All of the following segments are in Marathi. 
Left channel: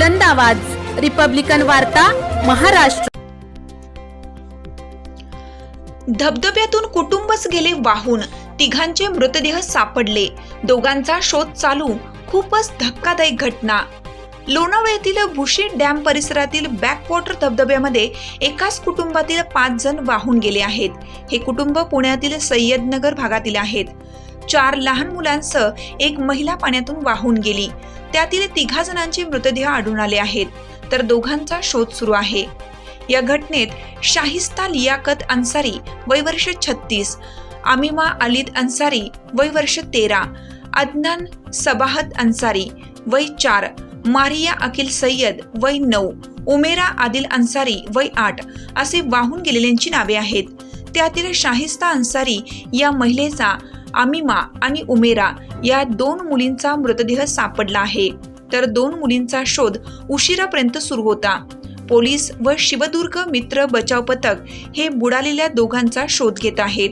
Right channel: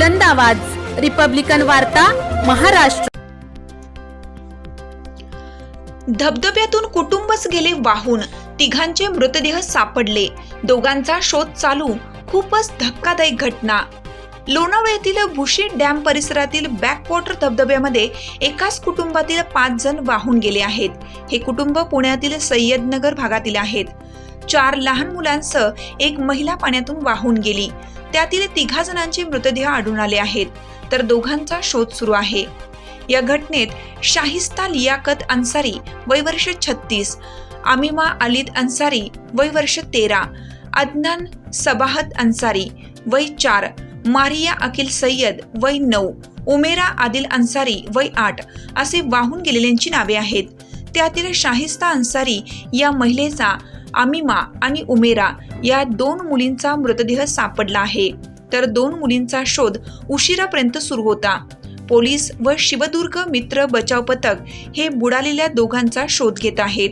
बुलंद आवाज. रिपब्लिकन वार्ता महाराष्ट्र. धबधब्यातून कुटुंबच गेले वाहून. तिघांचे मृतदेह सापडले. दोघांचा शोध चालू. खूपच धक्कादायक घटना. लोणावळा येथील भुशी डॅम परिसरातील बॅकवॉटर धबधब्यामध्ये एकाच कुटुंबातील पाच जण वाहून गेले आहेत. हे कुटुंब पुण्यातील सय्यदनगर भागातील आहेत. चार लहान मुलांसह एक महिला पाण्यातून वाहून गेली. त्यातील तिघा जणांचे मृतदेह आढळून आले आहेत. तर दोघांचा शोध सुरू आहे. या घटनेत शाहिस्ता लियाकत अन्सारी वय वर्ष छत्तीस आमिमा अलीद अन्सारी वय वर्ष तेरा अदनान सबाहत अन्सारी वय चार मारिया अकिल सय्यद वय नऊ उमेरा आदिल अन्सारी वय आठ असे वाहून गेलेल्यांची नावे आहेत. त्यातील शाहिस्ता अन्सारी या महिलेचा आमिमा आणि उमेरा या दोन मुलींचा मृतदेह सापडला आहे. तर दोन मुलींचा शोध उशिरापर्यंत सुरू होता. पोलीस व शिवदुर्ग मित्र बचाव पथक हे बुडालेल्या दोघांचा शोध घेत आहेत.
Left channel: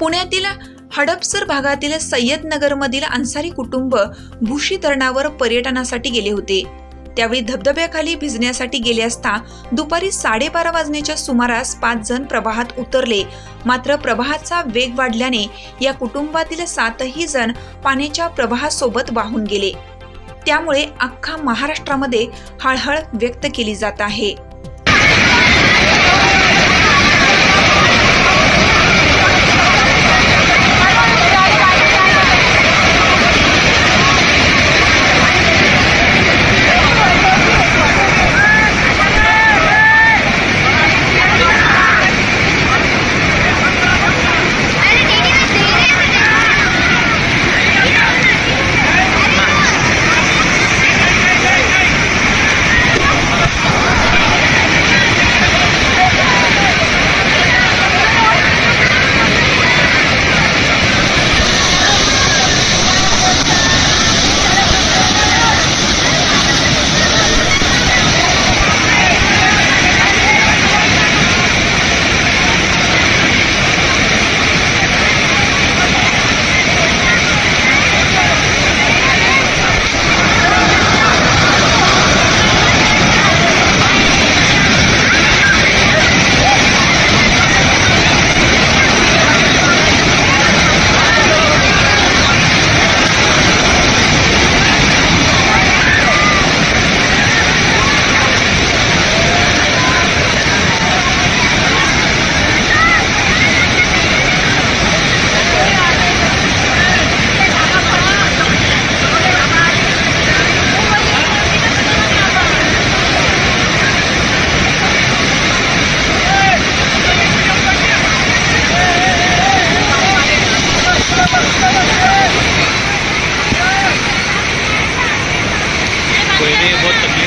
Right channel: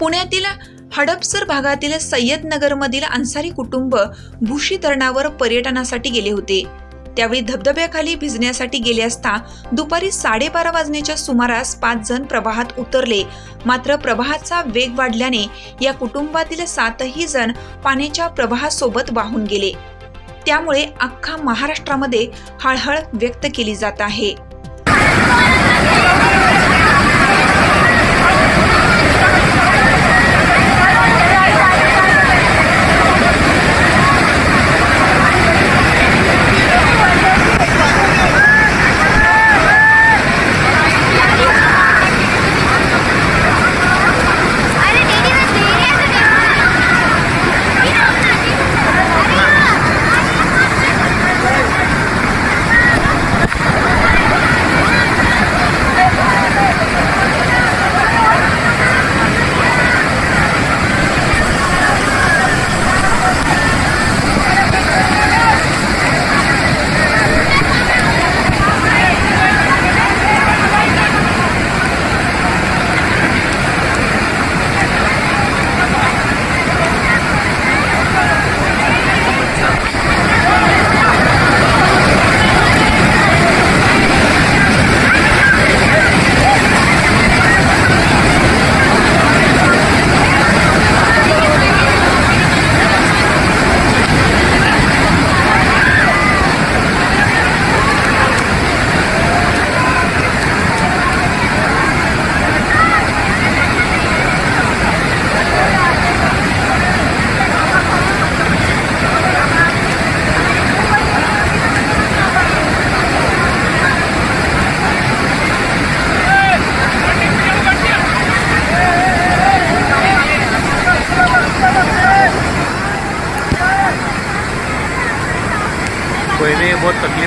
पुण्यातील हडपसर भागातील सय्यदनगरमधील अन्सारी कुटुंब भूशी धरणावर पर्यटनासाठी गेले होते. त्यावेळी धबधब्याखाली भिजण्यासाठी गेले असता दुपारी साडेबारा वाजण्याच्या सुमारास पाच जण प्रवाहात उतरले. मात्र प्रवाहाचा वेग वाढल्याने या कुटुंबातील सातही जण पाण्याच्या प्रवाहासोबत वाहून गेले. त्यामुळे अख्खा महाराष्ट्रामध्ये हळहळ व्यक्त केली जात आहे.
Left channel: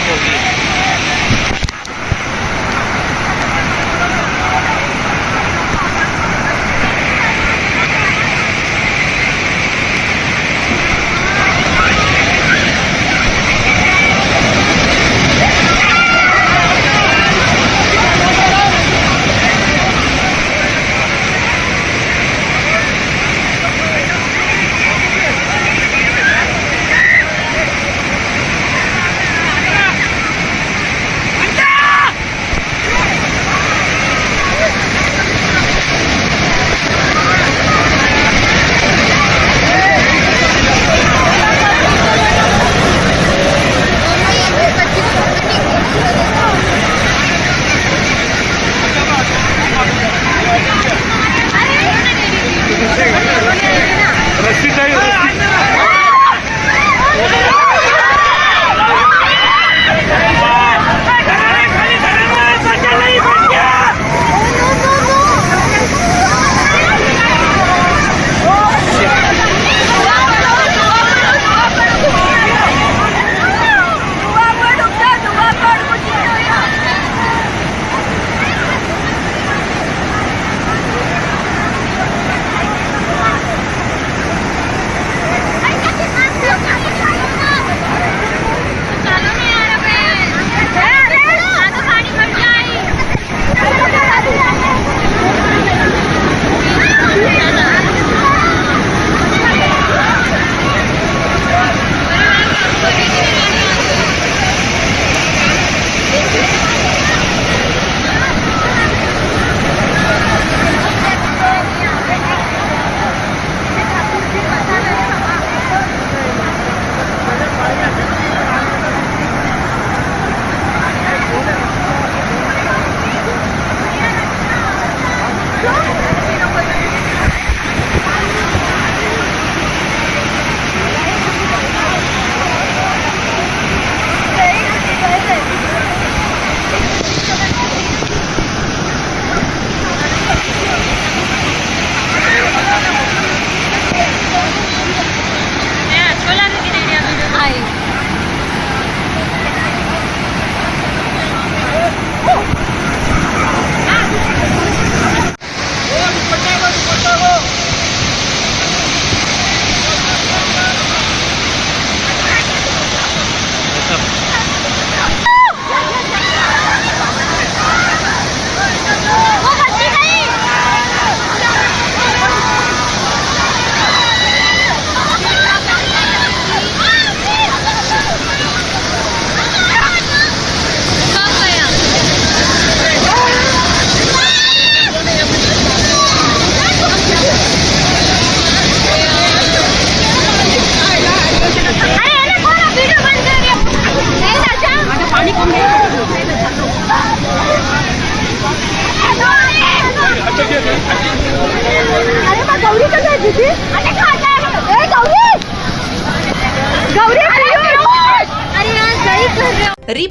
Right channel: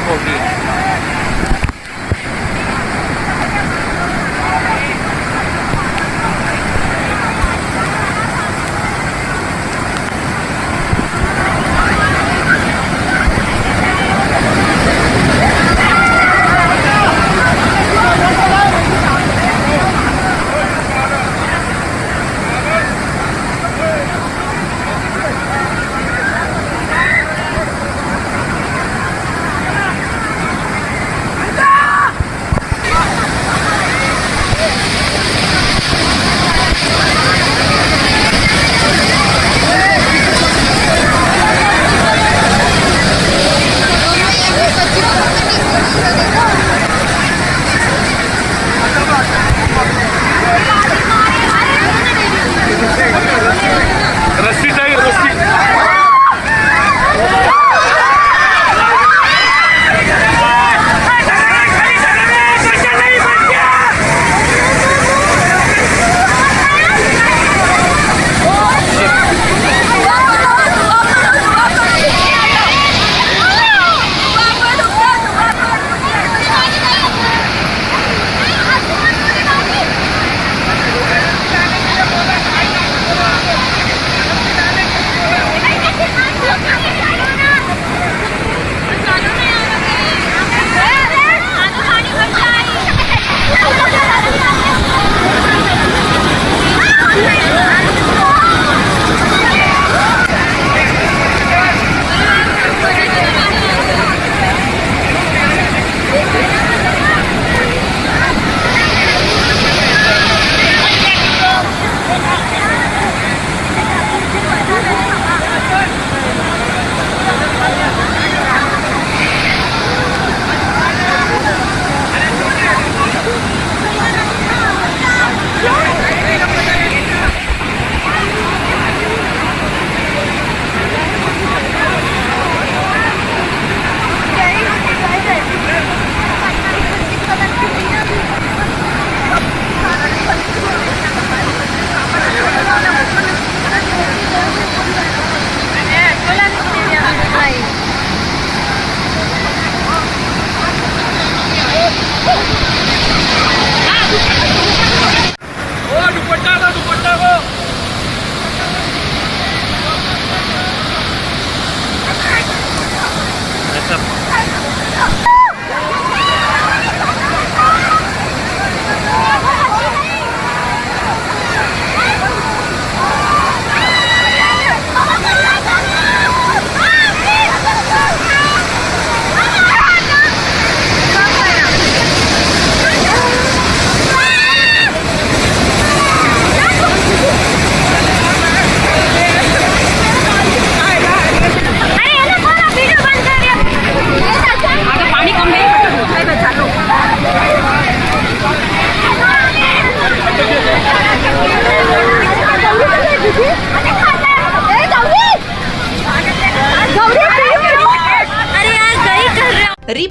होगी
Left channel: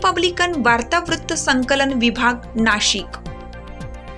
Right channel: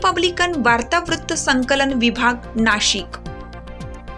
रिपब्लिकन वार्तावृत्त संकलन विभाग नाशिक.